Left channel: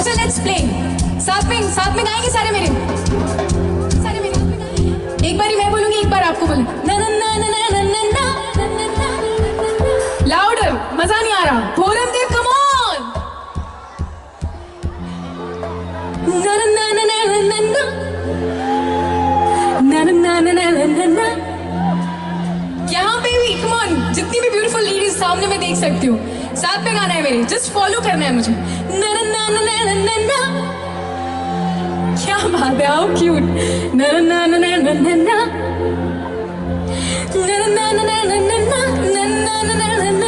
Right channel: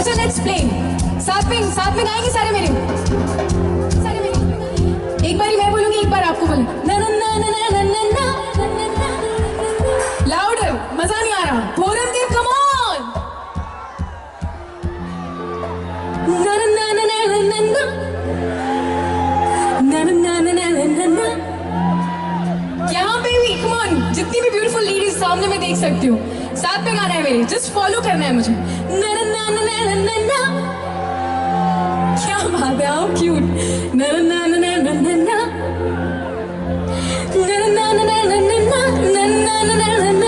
अच्छा let's play. साथ में गाएंगे सारे मेरे। एक बारी मैं बोलूंगी, एक बार आपको बोलूंगी। ना ना ना ना ना ना ना ना। लाउडर, मजा नहीं आ रहा। Bhoramdev come on. ना ना ना ना ना ना ना ना ना ना ना ना ना। यहाँ पे भी कम ऑन, जितनी भी ब्यूटीफुल लेडीज सामने मैं देख सकती हूँ, साथ में गाना है मेरे, जस्ट फॉलो करना है मुझे। ना ना ना ना ना ना ना। क्या बात है, हाउ क्यूट। ना ना ना ना ना ना ना ना ना ना ना ना ना ना ना ना ना ना।